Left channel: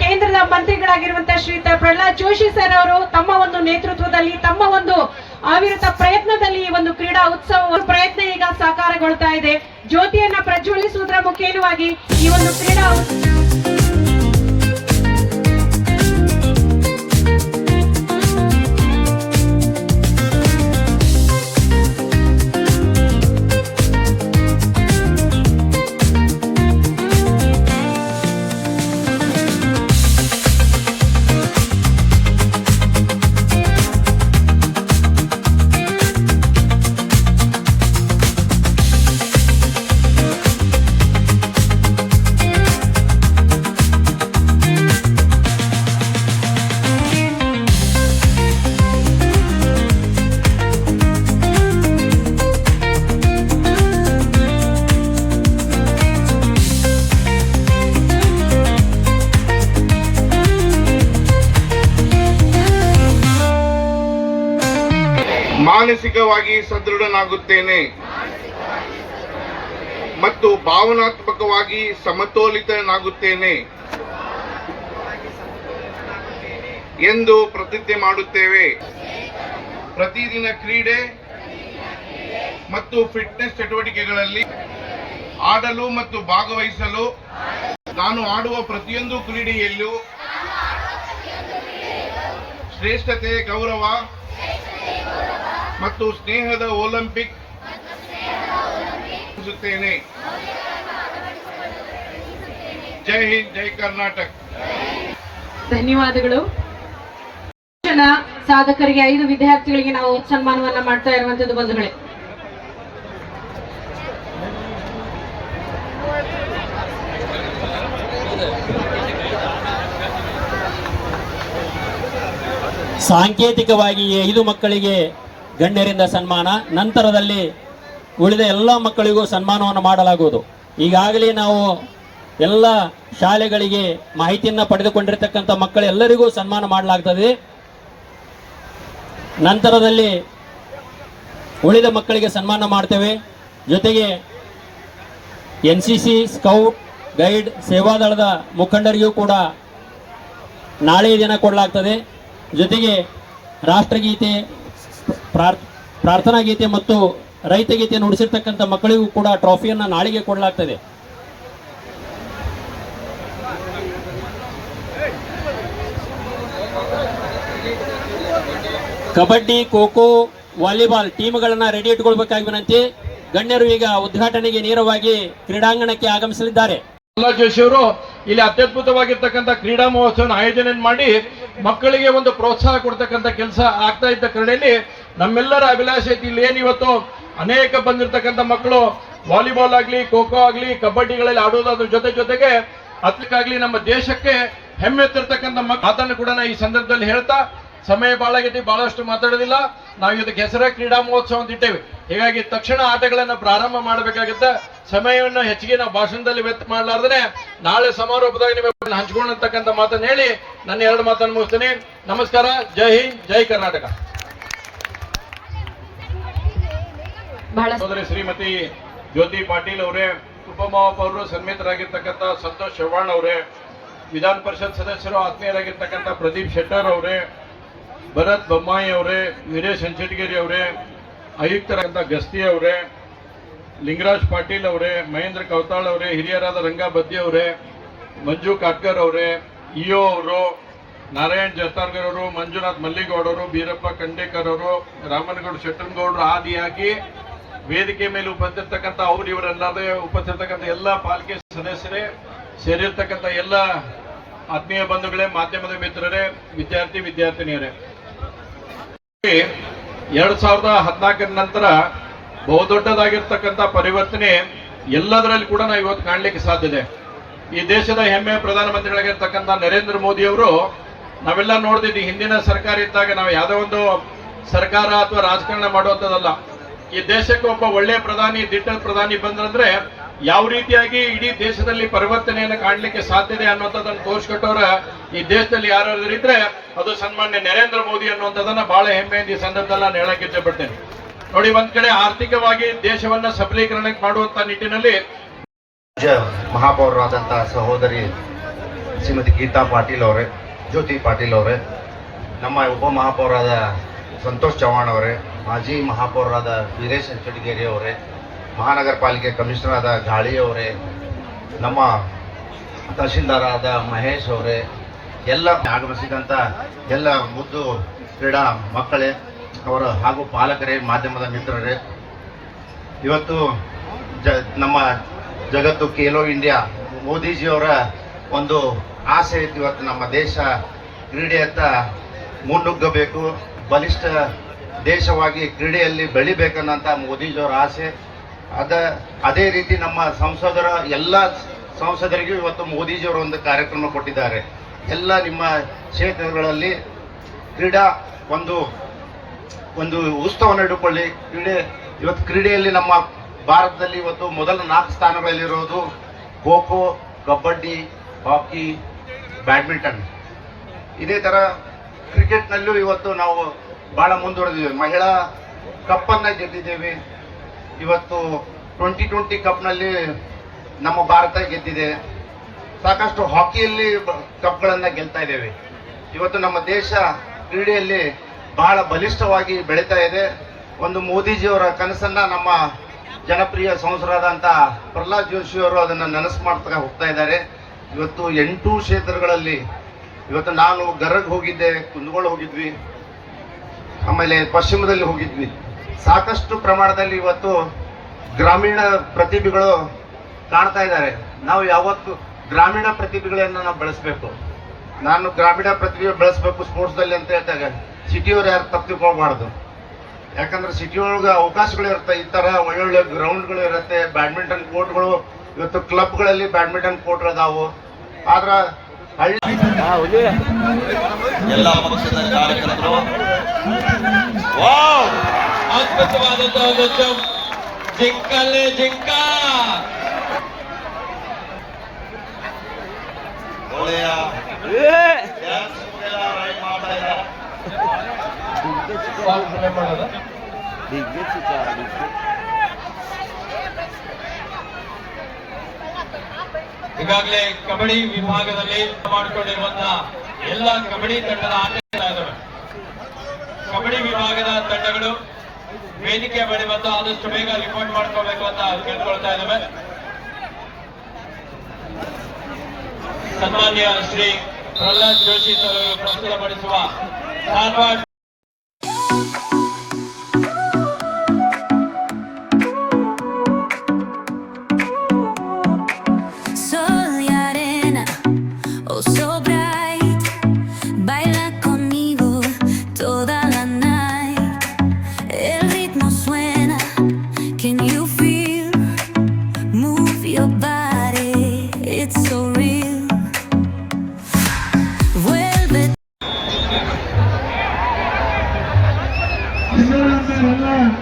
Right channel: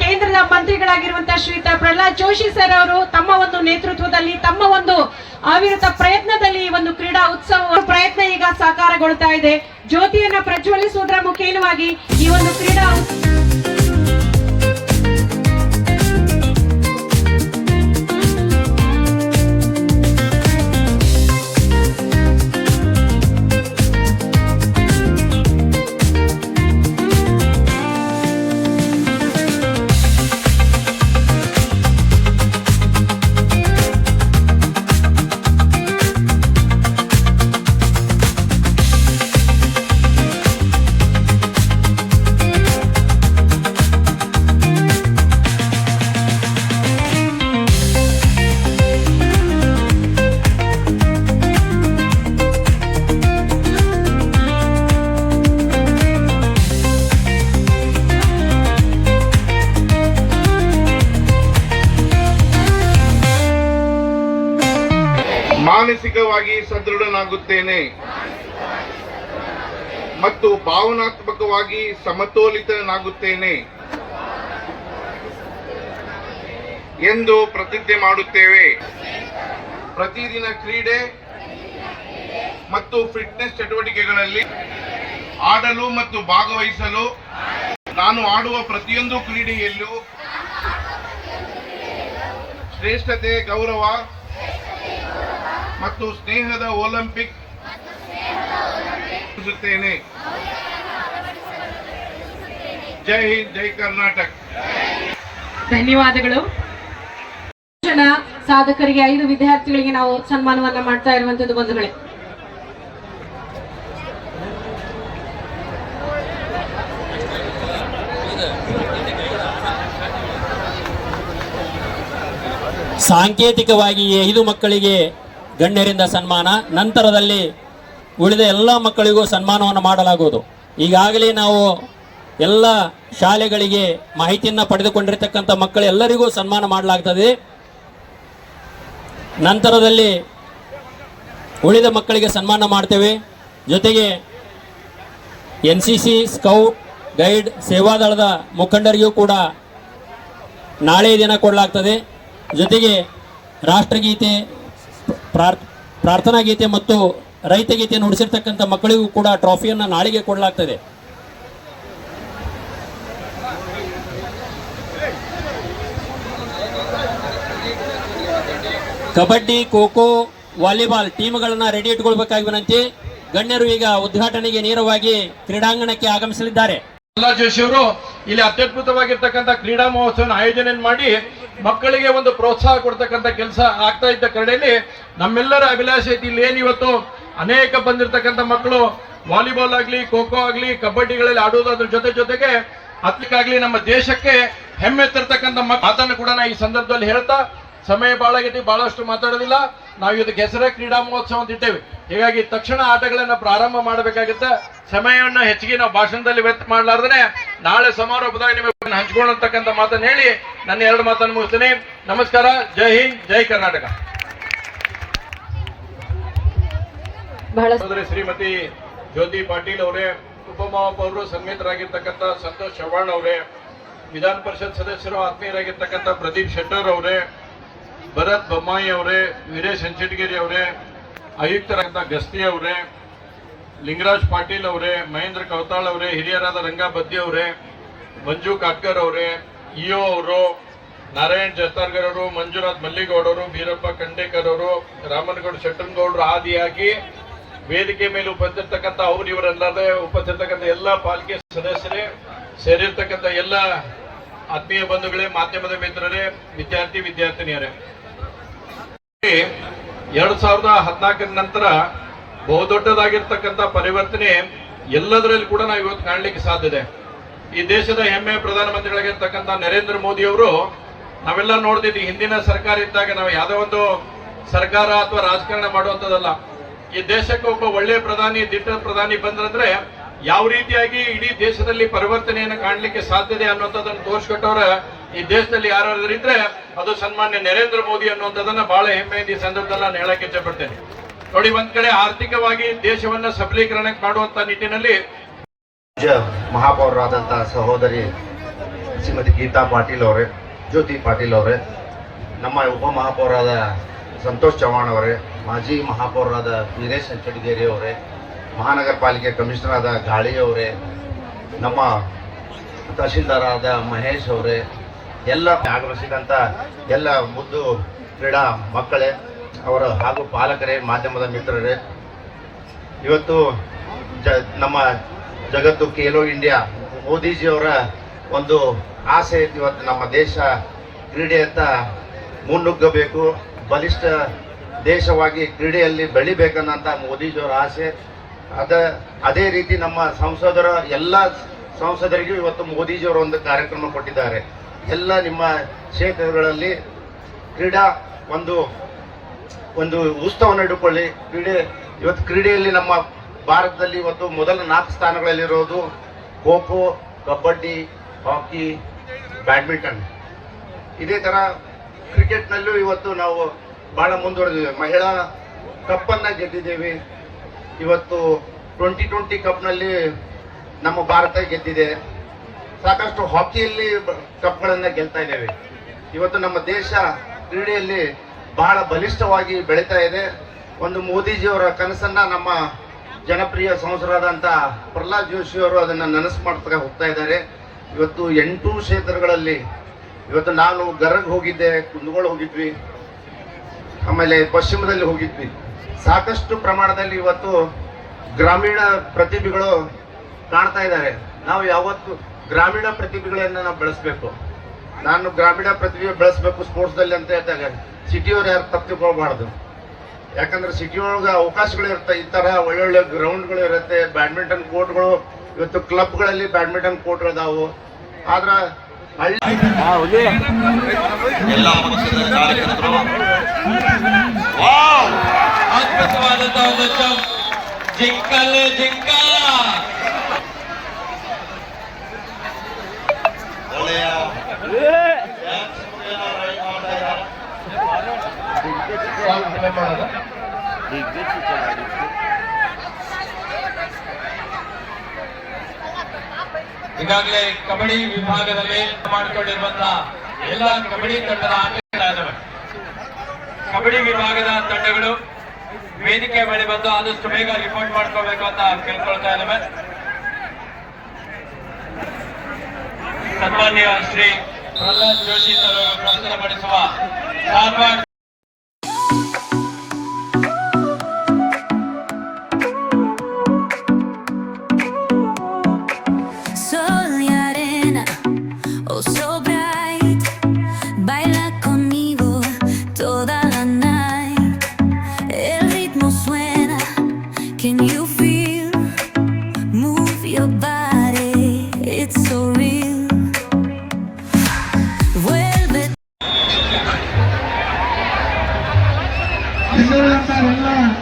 ಕೇಂದ್ರದ ಮಂತ್ರಿಗಳಾಗಿರುವಂತಹ ಶ್ರೀಯುತ ಪ್ರಹ್ಲಾದ್ ಜೋಶಿ ಸರ್ ಅವರು ತಮ್ಮ ಒಂದು ನೇತೃತ್ವದಲ್ಲಿ ತಮ್ಮ ಒಂದು ಅವಿರತ ಪ್ರಯತ್ನದಲ್ಲಿ ಈ ಒಂದು ಕ್ರೀಡಾ ಉತ್ಸವ ಪ್ರಯತ್ನ ಈಗ ಸಾಕಾರಗೊಳ್ತಾ ಇದೆ. ಜ್ಯೋತಿಯನ್ನ ಪ್ರಜ್ವಲಿಸುವುದರ ಮುಖೇನವಾಗಿ ಈ ಒಂದು ಕ್ರೀಡಾ ಮಾನಸಿಕವಾಗಿ ಸದೃಢನಾಗುತ್ತೇನೆ ಮತ್ತು ಭಾವನಾತ್ಮಕವಾಗಿ ಸಮತೋಲಿತನಾಗುತ್ತೇನೆ ಎಂದು ಪ್ರತಿಜ್ಞೆ ಮಾಡುತ್ತೇವೆ. ಪ್ರತಿದಿನ ಕ್ರೀಡೆ ಮತ್ತು ಫಿಟ್ನೆಸ್ ಚಟುವಟಿಕೆಗಳಲ್ಲಿ ಆಡಲು ಮತ್ತು ಭಾಗವಹಿಸಲು ನಾನು ಆಡುವ ಪ್ರತಿಯೊಂದು ಕ್ರೀಡೆಯಲ್ಲೂ ಶ್ರೇಷ್ಠತೆ, ಗೌರವ ಮತ್ತು ಸ್ನೇಹದ ಒಲಿಂಪಿಕ್ ಜೈ ಹಿಂದ್, ಜೈ ಕರ್ನಾಟಕ. ಧನ್ಯವಾದಗಳು. ಜನ ಸಾಧಕರಿಗೆ 5 ವಿದ್ಯಾರ್ಥಿಗಳಿಗೆ ನಾವು ಸನ್ಮಾನವನ್ನ ಮಾಡ್ತಾ ಇರುವಂತದ್ದು ಬಂಧುಗಳೇ. ಸಾಂಕೇತಿಕವಾಗಿ 5 ಮಕ್ಕಳಿಗೆ ಗಣ್ಯರಿಂದ ಸನ್ಮಾನ, ನಂತರದಲ್ಲಿ ಉಳಿದ ಎಲ್ಲ ಮಕ್ಕಳಿಗೂ ಸನ್ಮಾನವನ್ನು ಮಾಡಲಾಗುವುದು. ಈಗಾಗಲೇ ನಾವು ಎಲ್ಲ ಶಾಲೆಗಳಿಗೆ ಮಾಹಿತಿಯನ್ನು ಪಡೆದುಕೊಂಡಿರತಕ್ಕಂಥ ಮಕ್ಕಳೆಲ್ಲರಿಗೂ ಸನ್ಮಾನ ಮಾಡಲಾಗ್ತದೆ. ನಂತರದಲ್ಲಿ ಉಳಿದ ಮಕ್ಕಳಿಗೆ ಸನ್ಮಾನ ಮಾಡ್ತೇವೆ. ಜೊತೆಗೆ NCC, ಸ್ಕೌಟ್ ಗೈಡ್, ಸೇವಾದಳದ ಮುಖಂಡರಿಗೂ ಕೂಡ ನಾಳೆ ದಿನ ಕೊಡಲಾಗ್ತದೆ. ಜೊತೆಗೆ ರಾಷ್ಟ್ರಗೀತೆ, ಪ್ರಾರ್ಥನಾ ಗೀತೆ ಮತ್ತು ರೈತ ಗೀತೆ ನುಡಿಸಿರ್ತಕ್ಕಂಥ ಮಕ್ಕಳಿಗೂ ಕೂಡ ಟ್ರಾಫಿಯನ್ನು ನಾಳೆಗೆ ಕೊಡಲಾಗ್ತದೆ. ಕಬಡ್ಡಿ, ಖೋ ಖೋ, ವಾಲಿಬಾಲ್ ಟೀಮ್ಗಳನ್ನ ರೆಡಿ ಇಟ್ಕೊಳ್ಬೇಕಾಗಿ ವಿನಂತಿ. ಗಣ್ಯರು ಈಗ ಉದ್ಘಾಟನೆಗೆ ನೇರವಾಗಿ ಕ್ರೀಡಾಂಗಣಕ್ಕೆ ಆಗಮಿಸಲಿದ್ದಾರೆ. ಪ್ರಹ್ಲಾದ್ ಜೋಶಿ ಅವರು ಇಲ್ಲಿ ಅತ್ಯದ್ಭುತವಾಗಿರ್ತಕ್ಕಂಥ ಕ್ರೀಡಾ ಮಹೋತ್ಸವ ಆಯೋಜನೆ ಮಾಡಿ ಮಕ್ಕಳಿಗೆ ಒಂದು ಪ್ರೋತ್ಸಾಹ ಕೊಡ್ತಕ್ಕಂಥ ಕೆಲಸ ಆಗ್ತಾ ಇದ್ದ ಕಾರಣದಲ್ಲಿ ನಮ್ಮೆಲ್ಲರ ಅಭಿಲಾಷೆ ಐತಿ. ಇಲ್ಲಿ ಏನು ಇವತ್ತು ಅನೇಕ ಬಂದಿರತಕ್ಕಂಥ ಮಕ್ಕಳು ವಾಲಿಬಾಲ್ ಆಗ್ಲಿ, ಖೋ ಖೋ ಆಗ್ಲಿ, ಕಬಡ್ಡಿಗಳಲ್ಲಿ ಆಡುವುದರ ಜೊತೆಗೆ ಅತ್ಯಕ್ಕಾಗ್ಲಿ ನಮ್ಮ ದೇಶಕ್ಕೆ ಹೆಮ್ಮೆ ತರ್ತಕ್ಕಂಥ ಮಾತನ್ನು ಕೂಡ ನಾ ಈ ಸಂದರ್ಭದಲ್ಲಿ ಹೇಳ್ತಾ, ಸಮಯ ಬಹಳ ಆಗೈತಿ, ಬಹಳಷ್ಟು ಮಾತಾಡೋದಿಲ್ಲ. ನಾವು ಇದಕ್ಕೆ ಹೆಸರೇ ಕ್ರೀಡಾ ಮಹೋತ್ಸವ ಅಂತ ಇಟ್ಟೇವೆ. ಹೀಗಾಗಿ ತಕ್ಷಣ ಆಟಗಳನ್ನ ಪ್ರಾರಂಭ ಮಾಡಬೇಕಾಗುತ್ತೆ. ಸಮಯವನ್ನ ಹೆಚ್ಚಿಗೆ ನಾವು ಭಾಷಣದಲ್ಲಿ ವ್ಯರ್ಥ ಮಾಡಲಾರ್ದೇ ನಾಳೆ ಸಮಾರೋಪದಾಗ ನೀವು ಹಂಚ್ಕೊಳ್ಳತಕ್ಕಂಥ ಮಾತನ್ನು ಹೇಳಿ ನನ್ನ 2 ಮಾತನ್ನು ಮುಗಿಸ್ತೇನೆ. ನಮಸ್ಕಾರ. ಜೈ ಹಿಂದ್, ಜೈ ಕರ್ನಾಟಕ. ಸೋದರಿ ಶ್ರೀಮತಿ ಜ್ಯೋತಿ ಪಾಟೀಲ್ ಅವರೇ, ಉಪಮಹಾಪೌರರು ಸನ್ಮಿತರಾಗಿರ್ತಕ್ಕಂಥ ಸಂತೋಷ್ ಚವ್ಹಾಣ್ ಅವರೇ, ವಿಧಾನ ಪರಿಷತ್ ಸದಸ್ಯರು ಆತ್ಮೀಯರಾಗಿರ್ತಕ್ಕಂಥ ಪ್ರದೀಪ್ ಶೆಟ್ಟರ್ ಅವರೇ, ಭರತ್ ಬೊಮ್ಮಾಯಿ ಅವರೇ, ವೀರೇಶ್ ಹಂಚಟಗೇರಿ ಅವರೇ, ಆಯುಕ್ತರಾದಂಥ ಗಸ್ತಿ ಅವರೇ, ಲಿಂಗರಾಜ್ ಪಾಟೀಲ್ ಅವರೇ, ಮಹೇಂದ್ರ ಕೌತಾಳ್ ಅವರೇ, ಹಿರಿಯರಾದ ರಂಗಾ ಬದ್ದಿ ಅವರೇ, ಮಂಜು ಕಾಟ್ಕರ್ ಅವರೇ, ಇಒ ಅವರು, ನಾರಾಯಣ್ ಜತ್ತಾರ್ಗರ್ ಅವರು, ಮಂಜುನಾಥ್ ಮಲ್ಲಿಗೌಡ ಅವರು, ಬೀರಪ್ಪ ಖಂಡೇಕರ್ ಅವರು, ರಾಮನಗೌಡ ಶೆಟ್ಟನಗೌಡರು ಆದಿಯಾಗಿ ವೇದಿಕೆ ಮೇಲೆ ಉಪಸ್ಥಿತಕ್ಕಂಥ ಅವರು ಇವರೆಲ್ಲರೇ ಉಪಸ್ಥಿತಕ್ಕಂಥ ಎಲ್ಲ ಪಾಲಿಕೆ ಸದಸ್ಯರೇ, ಸೇರಿರ್ತಕ್ಕಂಥ ಎಲ್ಲ ಆತ್ಮೀಯ ಬಂಧುಗಳೇ, ಮಾಧ್ಯಮದ ಮಿತ್ರರೇ, ವಿದ್ಯಾರ್ಥಿನಿಯರೇ, 2014 ನಂತರ ಬಹುದೊಡ್ಡದಾಗಿರ್ತಕ್ಕಂಥ ಪರಿವರ್ತನೆ ಎಲ್ಲದರಲ್ಲಿ ಕೂಡ ನಾವು ಇವತ್ತು ಕಾಣಲಿಕ್ಕೆ ಸಾಧ್ಯ ಇದೆ. ಈ ದೇಶದ ಹೆಮ್ಮೆಯ ಪ್ರಧಾನಮಂತ್ರಿಗಳಾಗಿರ್ತಕ್ಕಂಥ ನರೇಂದ್ರ ಮೋದಿ ಅವರು, ನಾವೆಲ್ಲ ನೋಡ್ತಿದ್ವಿ ಹಿಂದಿನ ಸರ್ಕಾರ ಇದ್ದಾಗ ನಾವು ಯಾವುದೋ ಒಂದು ಸರ್ಕಾರ ಅಥವಾ ರಾಜಕಾರಣ ಮಾಡುವಂಥದ್ದಲ್ಲ. ಈ ದೇಶಕ್ಕೆ ಒಬ್ಬ ಒಳ್ಳೆಯ ಪ್ರಧಾನಿ, ದಿಟ್ಟ ಪ್ರಧಾನಿ ಬಂದ್ರಂದ್ರೆ ಯಾವ ರೀತಿಯಾಗಿ ಇಡೀ ದೇಶದಲ್ಲಿ ಪರಿವರ್ತನೆಯನ್ನು ಕಾಣಲಿಕ್ಕೆ ಸಾಧ್ಯತೆ ಅನ್ನುವಂಥದ್ದನ್ನು ತೋರಿಸ್ಕೊಟ್ಟವ್ರ ಈ ದೇಶದಲ್ಲಿ ಯಾರಾದ್ರೂ ಇದ್ರೆ ಅದು ಸನ್ಮಾನ್ಯ ನರೇಂದ್ರ ಮೋದಿ ಅನ್ನುವಂಥದ್ದನ್ನ ಬಹಳ ಹೆಮ್ಮೆಯಿಂದ ಈ ಸಂದರ್ಭದಲ್ಲಿ ನಾನು ಹೇಳಕ್ಕೆ ಇಚ್ಛೆಪಡ್ತೇನೆ. ನೋಡಿ, ಒಂದ್ ಕಡೆ ಆರ್ಥಿಕವಾಗಿ ದೇಶವನ್ನ ಸಬಲೀಕರಣ ಮಾಡುವಂತ ನಿಟ್ಟಿನಲ್ಲಿ ಮಹಾಪೌರರಾದಂತಹ ಸಹೋದರಿ ಶ್ರೀಮತಿ ಗೀತಾ ಪಾಟೀಲ್ ಅವರೇ, ಜ್ಯೋತಿ ಪಾಟೀಲ್ ಅವರೇ, ನಮ್ಮ ಉಪಮಹಾಪೌರಾದ ಸಂತೋಷ್ ಚವ್ಹಾಣ್ ಅವರೇ, ಮಾಜಿ ಮಹಾಪೌರರಾದ ವೀರೇಶ್ ಹಂಚಡಿಗೇರಿ ಅವರೇ, ಮಹಾನಗರ ಪಾಲಿಕೆ ಕಮಿಷನರ್ ಆದ ಗಾಳಿ ಅವರೇ, ನಮ್ಮ ತಹಶೀಲ್ದಾರ್ ಮಹೇಶ್ ಅವರೇ, ಎಲ್ಲ ಆಗಮಿಸಿದಂಥ ಎಲ್ಲ ಮುದ್ದು ಕ್ರೀಡಾ ಮಕ್ಕಳೇ, ಅವರ ಹಾಗೂ ಪಾಲಕರೇ, ಮಾಧ್ಯಮದ ಮಿತ್ರರೇ, ಇವತ್ತು ನಮ್ಮ ಜಗತ್ತು ಖೇಲೋ ಇಂಡಿಯಾ ಮೋದಿಜಿಯವರ ಒಂದು ಆಸೆ ಇತ್ತು. ಇವತ್ತು ನಮ್ಮ ದೇಶ ಕ್ರೀಡೆಯತ್ತ ಮುನ್ನುಗ್ಗಬೇಕು, ಬಲಿಷ್ಠ ದೇಶವಾಗಿ ಕ್ರೀಡೆಯಲ್ಲಿ ಬೆಳಿಬೇಕನ್ನಂಥ ಮೋದಿಜಿಯವರ ಆಸೆ. ಅದೇ ರೀತಿ ನಮ್ಮ ಸಂಸದರ ಎಲ್ಲ ಸಂಸದರಿಗೂ ಇವತ್ತು ಮೋದಿಜಿಯವರು ಒಂದು ಕಾರ್ಯಕ್ರಮ ಕೊಟ್ಟಿದ್ದಾರೆ. ಎಲ್ಲ ನಿಮ್ಮ ಕ್ಷೇತ್ರಗಳಲ್ಲಿ ಕ್ರೀಡಾ ಒಂದು ಉತ್ಸವವನ್ನು ಇಟ್ಟುಕೊಳ್ಳಿ. ಇವತ್ತು ಕ್ರೀಡೆಯಲ್ಲಿ ನಮ್ಮ ಭಾರತದಲ್ಲಿ ಇವತ್ತು ಮೊದಲ 4 ಸ್ಥಾನಗಳಲ್ಲಿರೋದು ಖೋ ಖೋ, ಕಬಡ್ಡಿ, ಹಾಕಿ, ಬ್ಯಾಡ್ಮಿಂಟನ್. ಇದೇ ಥರ ಕ್ರಿಕೆಟ್ನಲ್ಲೂ ಇವತ್ತು ನಾವು ಭಾಳ ಮುಂದುವರೆದಿದ್ದೇವೆ. ಮಹಿಳಾ ಕಪ್ಪನ್ನು ಗೆದ್ದಿದ್ದೇವೆ. ಇವತ್ತು 2020 ಕಪ್ನಲ್ಲಿ ನಮ್ಮ ಭಾರತ ಗೆದ್ದಿದೆ. ಸಾಕಷ್ಟು ಹಾಕಿಯಲ್ಲಿ ಕಪ್ಗಳನ್ನು ಗೆಲ್ತಾ ಇದ್ದೇವೆ. ಇವತ್ತು ನಮ್ಮ ದೇಶ ಕ್ರೀಡೆಯಲ್ಲಿ ಬಹಳ ಬಲಿಷ್ಠವಾಗಿ ಬೆಳೀತಾ ಇದೆ. ಒಂದು ಮೋದಿಜಿಯವರ ಕನಸನ್ನ ನಮ್ಮ ಜನಪ್ರಿಯ ಸಂಸದರಾದಂಥ ಪ್ರಹ್ಲಾದ್ ಜೋಶಿಯವರು ಅದನ್ನು ನನಸು ಮಾಡ್ತಾ ಹೋಗ್ತಾ ಇದ್ದಾರೆ. ಇವತ್ತು 8 ಕ್ಷೇತ್ರಗಳಲ್ಲಿ ಇವತ್ತು ನಾನು ಗರಗ್ ಹೋಗಿದ್ದೆ, ಕುಂದಗೋಳ ಹೋಗಿದ್ವಿ, ಆಮೇಲೆ ಪಶ್ಚಿಮದಲ್ಲಿ ಹೋಗಿದ್ವಿ. ಸಾಕಷ್ಟು ಪ್ರಮಾಣದಲ್ಲಿ ಇವತ್ತು ಗ್ರಾಮೀಣ ಪ್ರತಿಭೆಗಳು ಕಾಣ್ತಾ ಇದ್ದಾರೆ. ನಾವು ಯಾವತ್ತು ಗ್ರಾಮೀಣ ಪ್ರತಿಭೆಗಳನ್ನು ನಾವು ಬೆಳೆಸಬೇಕು. ನಾನು ಗ್ರಾಮೀಣ ಪ್ರತಿಭೆ ಬೆಳೆಸಬೇಕು ಸ್ಪೋರ್ಟ್ಸ್ದಲ್ಲಿ ಅಂತ ಹೇಳ್ತಾಗ ಸಿಟಿಯವ್ರು ಯಾರು ತಪ್ಪಿಕೊಳ್ಬಾರ್ದು. ಯಾಕಂದ್ರೆ ಸಿಟಿ ಒಳಗೆ ಅವಕಾಶಗಳು ಇರುತ್ತೆ, ಈ ಥರ ಒಳ್ಳೊಳ್ಳೆ ಗ್ರೌಂಡ್ಗಳು ಇರುತ್ತೆ, ಬ್ಯಾಡ್ಮಿಂಟನ್ ಕೋರ್ಟ್ಗಳು, ಇವತ್ತು ಕ್ಲಬ್ಗಳಲ್ಲಿ ಬ್ಯಾಡ್ಮಿಂಟನ್ ಕೋರ್ಟ್ಗಳಿದಾವು. ಆದ್ರೆ ಎಲ್ಲ ಪಕ್ಷದ ಕಾರ್ಯಕರ್ತರು ಅದ್ಭುತವಾದಂತಹ ಒಂದು ಜಂಪ್, ಜಿಂಕಲ್ಲೇ ಜಿಂಕ. ಒಳ್ಳೆಯ ಡ್ಯಾನ್ಸ್ ಮುಖೇನ ರೈಡ್ ಮಾಡ್ತಾ ಇದ್ದಾರೆ. ಈಗಾಗಲೇ ಕಬಡ್ಡಿ ವಿಭಾಗದಲ್ಲಿ ಮಾಡಿಕೊಂಡಿರುವಂತಹ ಎಲ್ಲ ಕಬಡ್ಡಿ ತಂಡದ ಆಟಗಾರರು, ಕಬಡ್ಡಿ ವಿಭಾಗದ ತಂಡಗಳು ವೇದಿಕೆ ಬಳಿ ಬಂದು ಆದಷ್ಟು ಬೇಗ ರಿಪೋರ್ಟ್ ಮಾಡ್ಕೊಳ್ಬೇಕು ಅಂತ ಕೇಳ್ಕೊಳ್ತಾ ಇದ್ದಾವೆ. ಸನ್ಮಾನ್ಯ ಶ್ರೀ ಪ್ರಹ್ಲಾದ್ ಜೋಶಿ ಅವರು ಪ್ರಸ್ತುತಪಡಿಸುವ Dharwad Sol y arena, oh so bright, baila conmigo toda la night. El ritmo suena, can you feel? Move your body, it's so real. Vuelve. ಎಲ್ಲ